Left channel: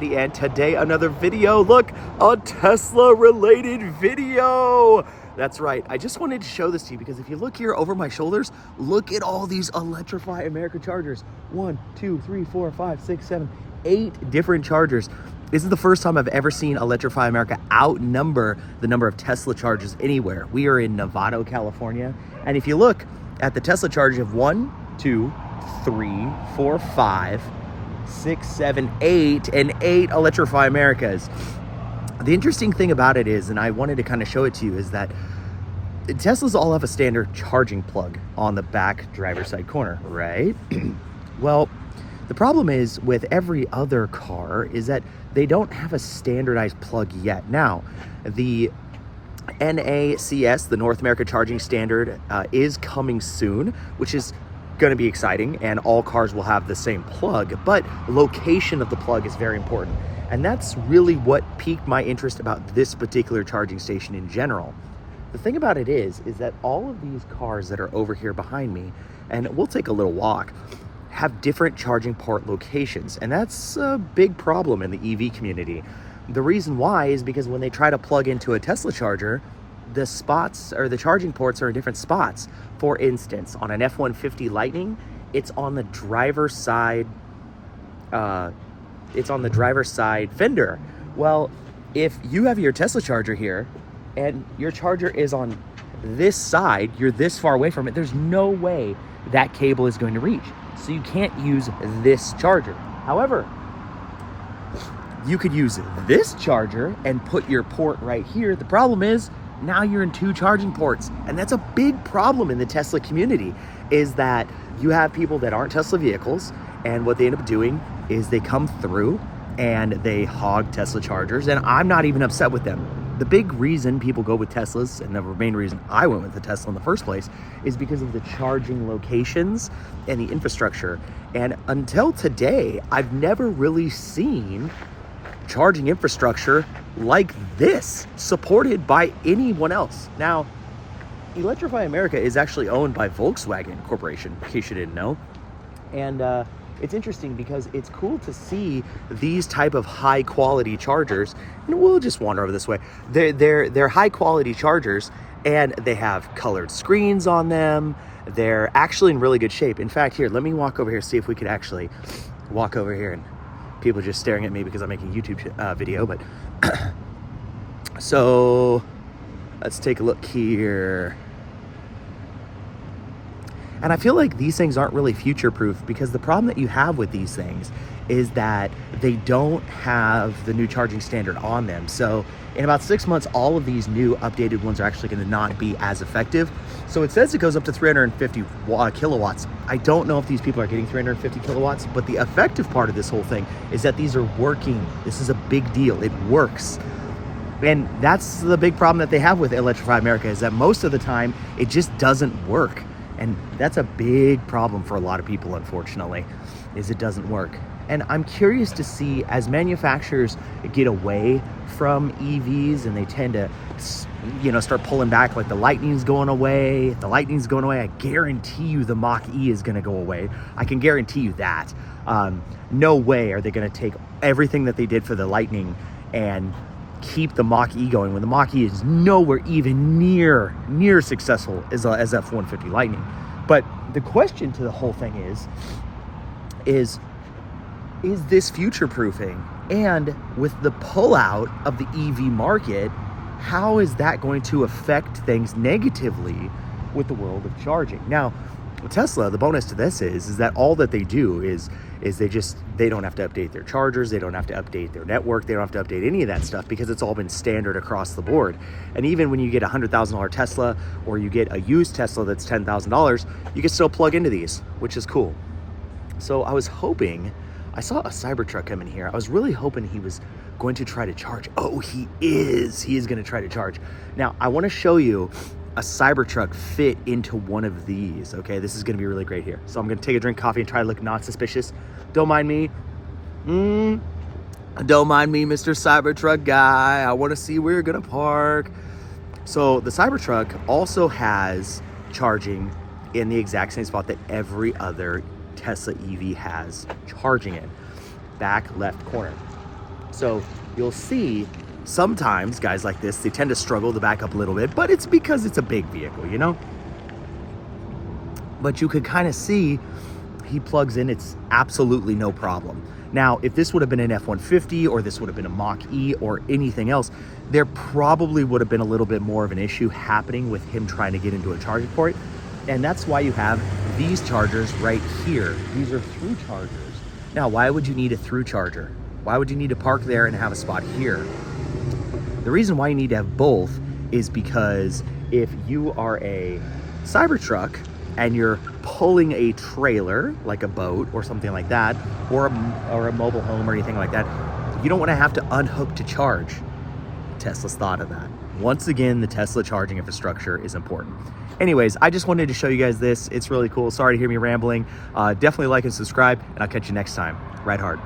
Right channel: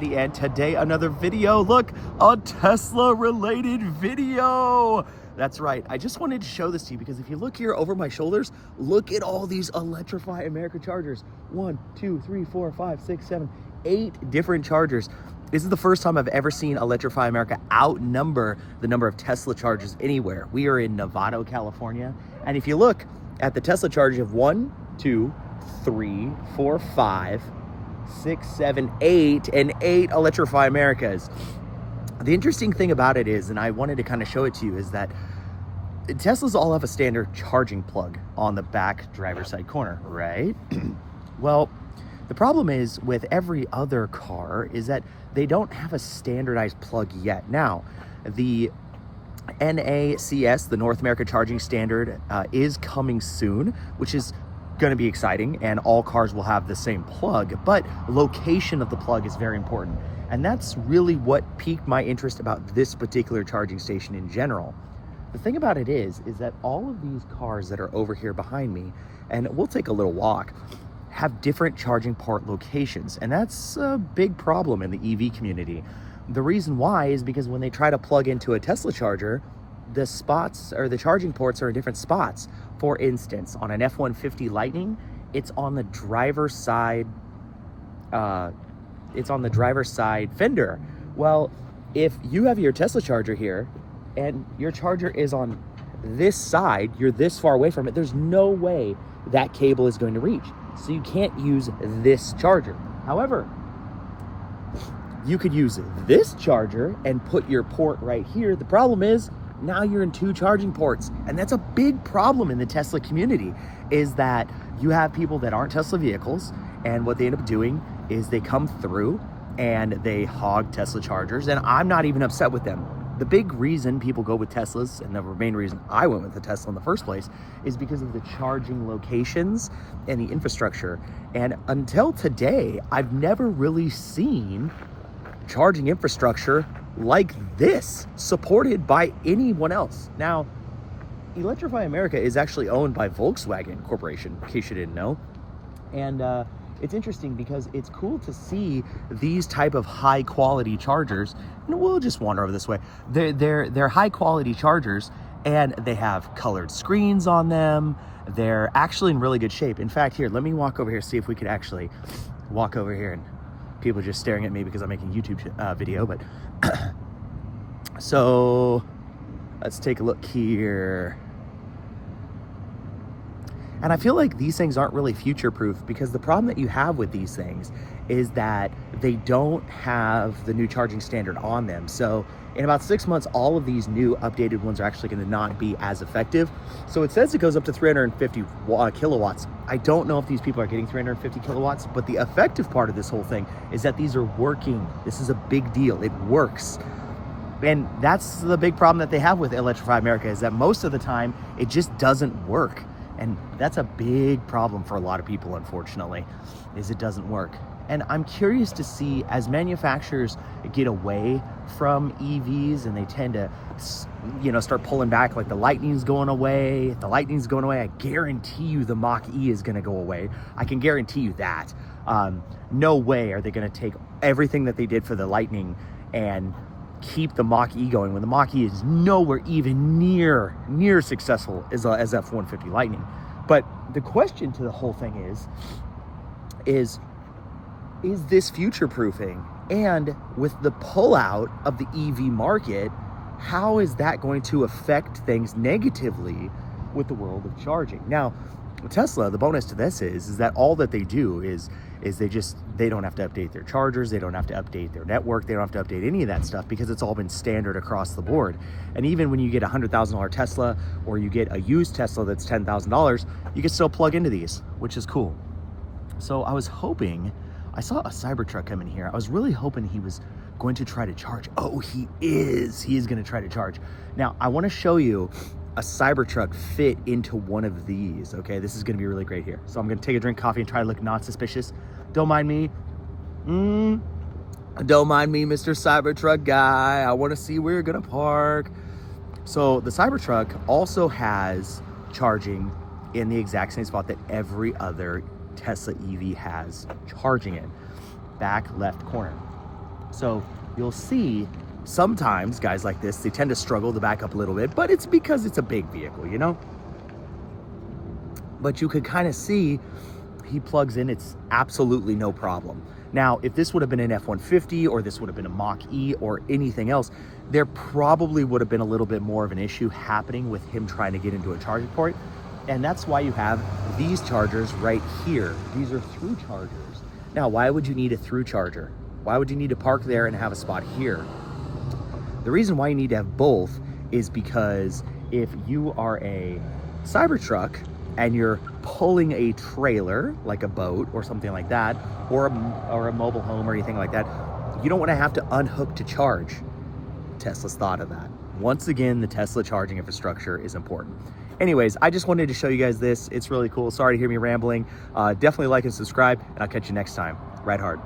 Eddie, and today another video. Look, a Tesla related video. That's right. I just wanted to show this to you because if you look here over my shoulders, look at all these Electrify America chargers. 1, 2, 3, 4, 5, 6, 7, 8 different chargers. This is the first time I've ever seen Electrify America outnumber the number of Tesla chargers anywhere. We are in Novato, California. And if you look at the Tesla chargers of 1, 2, 3, 4, 5, 6, 7, 8, and 8 Electrify Americas. The interesting thing about it is, and I wanted to kind of show it to you, is that Teslas all have a standard charging plug on the back driver's side corner, right? Well, the problem is with every other car is that they don't have a standardized plug yet. Now, the NACS, the North America Charging Standard, is coming soon, which is going to be exciting, and all cars will have the same plug, but location of the plug is very important. And that's really what piqued my interest about this particular charging station in general. The thing about it is that all of these cars that are over here behind me, and we'll take a little walk, have different charging port locations. And that's a big problem in the EV community. The reason why is because when they try to plug into a Tesla charger, the spots or the charging ports are in different spots. For instance, on an F-150 Lightning, it's on the driver's side. It's on the driver's side fender. Well, if you have your Tesla charger here and your charger is on this side, you're this far away from it, there's no way that cable is going to reach. So you can't use this charger. However, you could use this charger and put your port right here. The problem is now you're in 2 charging ports, and that's a big problem in the Tesla community, is that you have people that aren't Tesla vehicles, and what they end up doing is they come through and they hog Tesla chargers, and I'm not even upset with them. The big reason people go with Teslas, and the main reason I went with the Tesla in the first place, is because of the charging locations and the infrastructure. And until today, I've never really seen charging infrastructure like this supported by anyone else. Now, Electrify America is actually owned by Volkswagen Corporation, in case you didn't know. And it's interesting because it's cool to see these type of high quality chargers. And we'll just wander over this way. They're high quality chargers, and they have colored screens on them. They're actually in really good shape. In fact, here, let me walk over here, see if we could actually walk over here. And people just staring at me because I'm making a YouTube video, but so let's take a look here. And I feel like these things aren't really future-proof, because the problem that you have with these things is that they don't have the new charging standard on them. So in about 6 months, all of these new updated ones are actually going to not be as effective. So it says it goes up to 350 kilowatts. I don't know if these people are getting 350 kilowatts, but the effective part of this whole thing is that these are working. This is a big deal. It works. And that's the big problem that they have with Electrify America, is that most of the time it just doesn't work. And that's a big problem for a lot of people, unfortunately, is it doesn't work. And I'm curious to see, as manufacturers get away from EVs and they tend to, start pulling back, like the Lightning's going away. If the Lightning's going away, I guarantee you the Mach-E is going to go away. I can guarantee you that. No way are they going to take everything that they did for the Lightning and keep the Mach-E going when the Mach-E is nowhere even near successful as F-150 Lightning. But the question to the whole thing is this future-proofing? And with the pullout of the EV market, how is that going to affect things negatively with the world of charging? Now, Tesla, the bonus to this is that all that they do is they don't have to update their chargers, they don't have to update their network, they don't have to update any of that stuff, because it's all been standard across the board. And even when you get a $100,000 Tesla, or you get a used Tesla that's $10,000, you can still plug into these, which is cool. So I was hoping, I saw a Cybertruck come in here. I was really hoping he was going to try to charge. Oh, he is going to try to charge. Now, I want to show you a Cybertruck fit into one of these. Okay, this is gonna be really great here. So I'm gonna take a drink of coffee and try to look not suspicious. Don't mind me. Don't mind me, Mr. Cybertruck guy. I want to see where you're gonna park. So the Cybertruck also has charging in the exact same spot that every other Tesla EV has charging in. Back left corner. So you'll see sometimes guys like this, they tend to struggle to back up a little bit, but it's because it's a big vehicle, you know? But you could kind of see he plugs in, it's absolutely no problem. Now, if this would have been an F-150 or this would have been a Mach-E or anything else, there probably would have been a little bit more of an issue happening with him trying to get into a charging port. And that's why you have these chargers right here. These are through chargers. Now, why would you need a through charger? Why would you need to park there and have a spot here? The reason why you need to have both is because if you are a Cybertruck and you're pulling a trailer, like a boat or something like that, or a mobile home or anything like that, you don't want to have to unhook to charge. Tesla's thought of that. Once again, the Tesla charging infrastructure is important. Anyways, I just wanted to show you guys this. It's really cool. Sorry to hear me rambling. Definitely like and subscribe, and I'll catch you next time. Ride hard.